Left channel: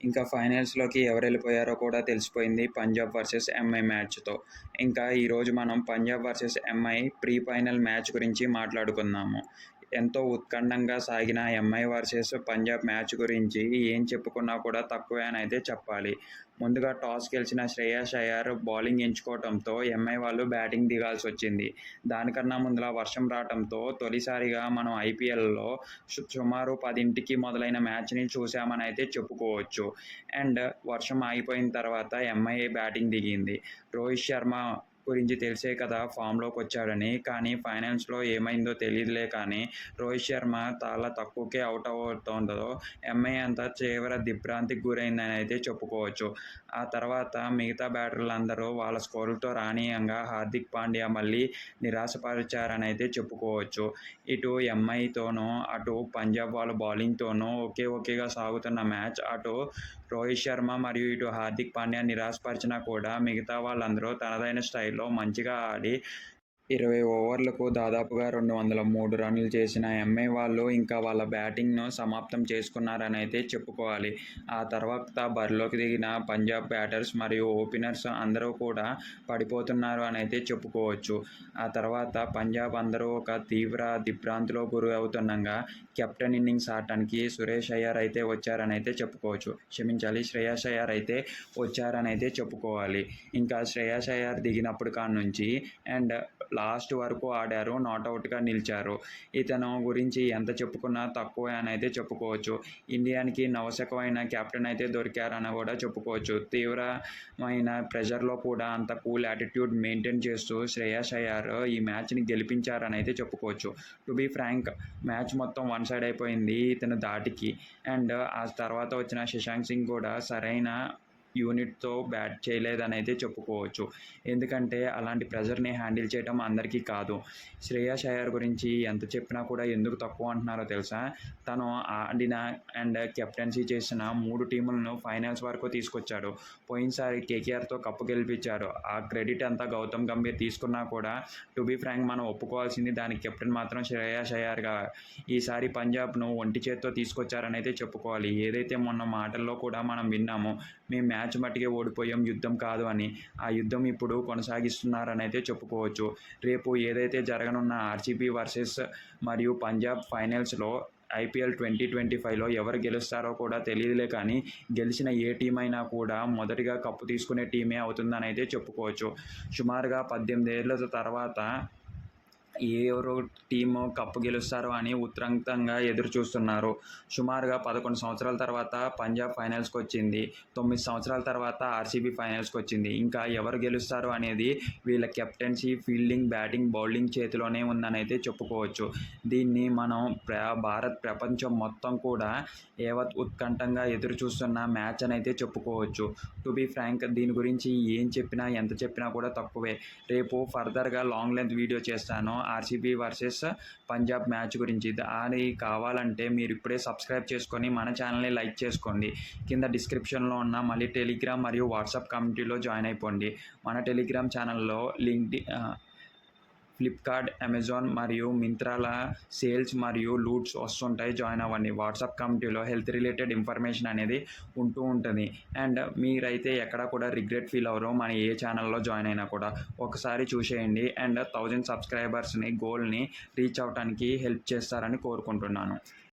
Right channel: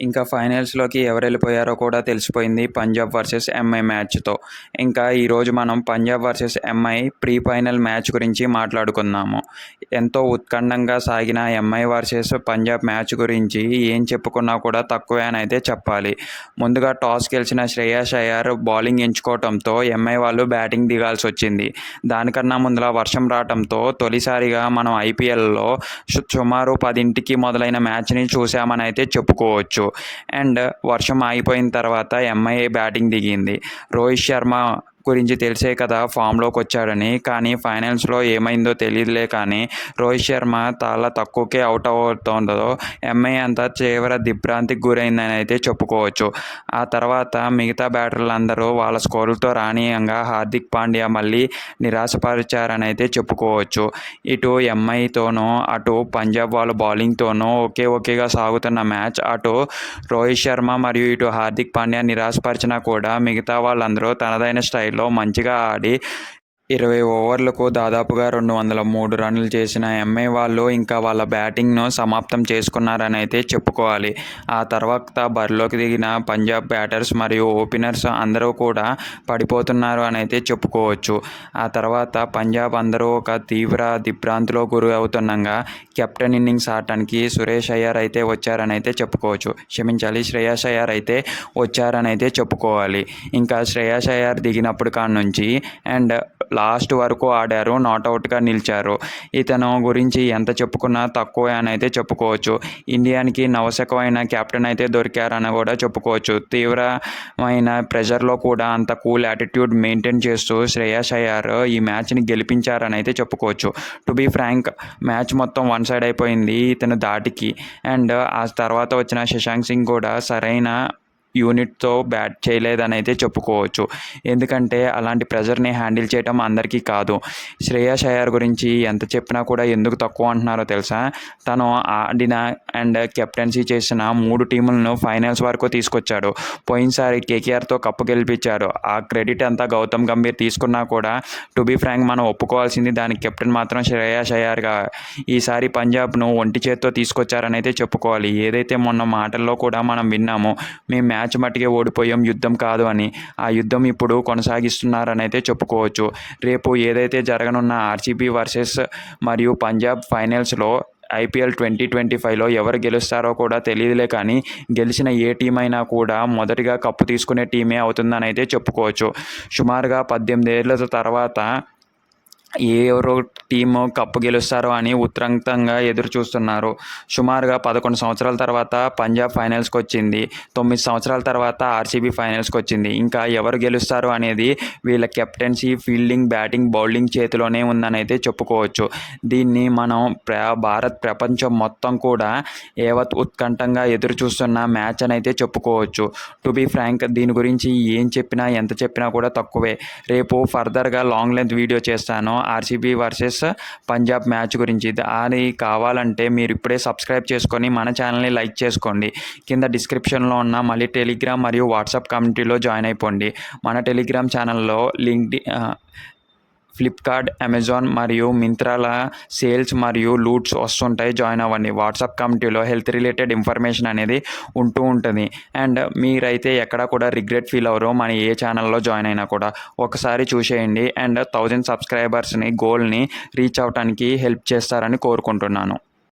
ఇంకా ఫైనల్స్‌లోకి ఎవరెళ్ళిపోయారో కూడా తెలిసిపోయింది పంజాబ్ వర్సెస్ ఎంఐ మ్యాచ్‌తో. ఇంకా ఈరోజు మనం Punjab versus MI pre final match గురించి మాట్లాడుకుందాము. ఎంతో ఉత్కంఠంగా సాగిన ఎంఐ వర్సెస్ పంజాబ్ మ్యాచ్ గురించి ఏం చెప్పుకున్నా కూడా తక్కువే అనైతే చెప్పాలి. ముందుగా టాస్ గెలిచిన శ్రేయాస్ అయ్యర్ బౌలింగ్ ఎంచుకోవడంతో ఎంఐ వాళ్ళు బ్యాటింగ్ దిగాల్సొచ్చింది. దానికన్నా ముందల వర్షం రావటంతో తొలిసారిగా మనం ఐపీఎల్‌లో సుమారు 10కి మొదలైన మ్యాచ్‌ని చూశామనైతే చెప్పుకోవచ్చు. అండ్ వర్షం ఆగిపోయిన తర్వాత ఎంఐ బ్యాటింగ్ దిగింది. రోహిత్ శర్మ గురించి తెలిసే కదా ఫామ్‌లోకి వచ్చాడని. కానీ ఫైనల్స్‌లో ఏమైందో తెలీదులే కానీ రోహిత్ శర్మ చాలా తక్కువకే అవుట్ అవుతుండతో ఎంఐ అంతా తీవ్ర దిగ్భ్రాంతికి గురైందని అయితే చెప్పుకోవచ్చు. ఆ తర్వాత మిగతా బ్యాటర్లందరూ వాళ్ళ స్కోరులతో రానీయంగా హార్దిక్ పాండ్యా మళ్ళీ నిరాశపరిచారని అయితే చెప్పుకోవచ్చు. ఇటు ఎంఐతోనూ అటు పంజాబ్ వాళ్ళ బౌలింగ్‌తోనూ ఒకేగా సాగుతున్న మ్యాచ్ అటు రోహిత్ శర్మ మరియు ఇటు హార్దిక్ పాండ్యా నిరాశపరిచినా కూడా మిగతా వాళ్ళందరూ తనదైన స్టైల్లో మంచిగా ఆడి 20 ఓవర్లకు దాదాపుగా 203 రన్నులు చేసిన ఎంఐ వాళ్ళు ఇంకా వాళ్ళ బ్యాటింగ్‌ను సమాప్తం చేసుకున్నారని అయితే చెప్పుకోవాలి. ఆ తర్వాత బరిలోకి దిగిన పంజాబ్ బ్యాటర్స్ మరియు ఓపెనర్స్ అందరూ కూడా పడిపోతున్నారు అని అయితే చెప్పుకోవచ్చు. ఆ తర్వాత పంజాబ్ అందరూ ఒక తీవ్ర దిగ్భ్రాంతిలో గురి అవుతుండగా కెప్టెన్ ఇన్నింగ్స్ ఆడటానికి సురేష్ అయ్యర్ అయితే వచ్చారని అయితే చెప్పుకోవచ్చు. క్షమించాలి, శ్రేయాస్ అయ్యర్ అయితే వచ్చారని అయితే చెప్పుకోవాలి. ఇంకా శ్రేయాస్ అయ్యర్ దిగినప్పుడు కాడ నుంచి అండ్ లాస్ట్ వరకు ఆడారు, నాట్అవుట్గా నిలిచారు. ఇతను గురించి ఎంత చెప్పుకున్నా తక్కువే అని అయితే చెప్పుకోవచ్చు. ఇండియాకి నవశకమైన కెప్టెన్ అయితే దొరికారని కూడా చెప్పుకోవచ్చు. తీవ్రమైన ప్రెషర్లో కూడా అంత కూల్ యాటిట్యూడ్ మెయింటైన్ చేస్తూ శ్రేయాస్ అయ్యర్ ఈ మ్యాచ్ని గెలిపించారని అయితే చెప్పుకోవచ్చు. టు బీ ఫ్రాంక్, మ్యాచ్ మొత్తం వన్ సైడ్ అయిపోయింది ఇతను దాటికి. అండ్ ఆ తర్వాత వచ్చిన శశాంక్ సింగ్ కూడా సరైన యూనిట్తో బ్యాట్ చేయలేదని అయితే చెప్పుకోవచ్చు. ఎందుకంటే అలాంటి ప్రెజర్ని హ్యాండిల్ చేయడం అందరికీ కాదు. శ్రేయాస్ అయ్యర్ గురించి ఎంత చెప్పినా కూడా ఎందుకు తక్కువ అంటున్నారో తెలుసా? తను ఆడిన అండ్ కెప్టెన్సీ చేసిన 3 టీములను ఫైనల్స్ వరకు తీసుకొచ్చాడు. పోయినసారి కేకేఆర్తో కప్పు గెలిపించారు. ఆ క్రెడిట్ అంతా గౌతమ్ గంభీర్ తీసుకున్నా కూడా టు బీ ఫ్రాంక్ మనం ఒప్పుకోవాల్సింది దానికి కెప్టెన్ మాత్రం శ్రేయాస్ అయ్యర్గా. ఈసారి పంజాబ్ను ఒంటి చేత్తో తీసుకొచ్చారని అయితే చెప్పుకోవాలి. ఏదైతే మొన్న మాటల్లో కూడా మనం విన్నామో మేము మ్యాచ్ మట్టుకే ఓడిపోయాం, యుద్ధం కాదు అని. ఆ యుద్ధం ఇప్పుడు కొనసాగిస్తున్నారని అయితే చెప్పుకోవచ్చు. రేపు ఏదైతే జరగనున్న ఆర్సీబీ వర్సెస్ మరియు పంజాబ్ ఫైనల్స్లో ఐపీఎల్ 2025లో ఎవరు గెలుస్తారో కూడా తెలియదులే కానీ గెలిచిన ఏ టీం అయినా కూడా మొదటిగా కప్పు తీసుకునే టీమే అవుతుందని అయితే చెప్పుకోవచ్చు. సుమారుగా 18 ఏళ్ల తర్వాత ఎవరో టీము కప్పు గెలుస్తారో అని ఉత్కంఠంగా ఎదురు చూస్తున్నారు. సుమారుగా 11 సంవత్సరాల తర్వాత పంజాబ్ ఫైనల్స్కి వచ్చింది. 9 సంవత్సరాల తర్వాత ఆర్సీబీ ఫైనల్స్కి వచ్చింది. ఇంకా ఎవరు గెలుస్తారు అనేది వీళ్ళ కెప్టెన్సీ, ఫీల్డింగ్, బ్యాటింగ్, బౌలింగ్ చేతిలోనే ఉందని అయితే చెప్పుకోవచ్చు. దీన్ని మనం భారత్ ప్రపంచం మొత్తం కూడా యావత్ ఉత్కంఠంగా ఎదురు చూస్తున్న మ్యాచ్ అని అయితే చెప్పుకోవచ్చు. టు బీ ఫ్రాంక్, దీని గురించి ఏం చెప్పినా ఎంత చెప్పినా కూడా తక్కువే. రేపు ఫర్దర్గా లాంగ్ లెంత్ వీడియో చేస్తాను ఆర్సీబీ వర్సెస్ పంజాబ్ మ్యాచ్ గురించి. అది కావాలంటే మీరు ఇప్పుడే సబ్స్క్రైబ్ చేసుకొని మన ఛానల్ని లైక్ చేసుకోండి. కింద డిస్క్రిప్షన్లో ఉన్న మళ్ళీ టెలిగ్రామ్ మరియు వాట్సాప్ కమ్యూనిటీలో జాయిన్ అయిపోండి. మన టెలిగ్రామ్ ఛానల్లో ఫ్లిప్కార్ట్, అమెజాన్ మరియు మింత్రాల సేల్స్ మరియు లూట్స్ వస్తుంటాయి, జాయిన్ అవ్వండి. వాట్సాప్ కమ్యూనిటీలో హెల్త్ రిలేటెడ్ ఇన్ఫర్మేషన్ అనేది ఉంటుంది. అండ్ మీరైతే ఎక్కడ కూడా రిగ్రెట్ ఫీల్ అవ్వరు మన ఏ ఛానల్లో జాయిన్ అయినా కూడా. ఒకసారి చూసేయండి అండ్ 1000 సబ్స్క్రైబర్స్ని గోల్ని రీచ్ అవ్వడానికి హెల్ప్ చేస్తారని కోరుకుంటున్నాను.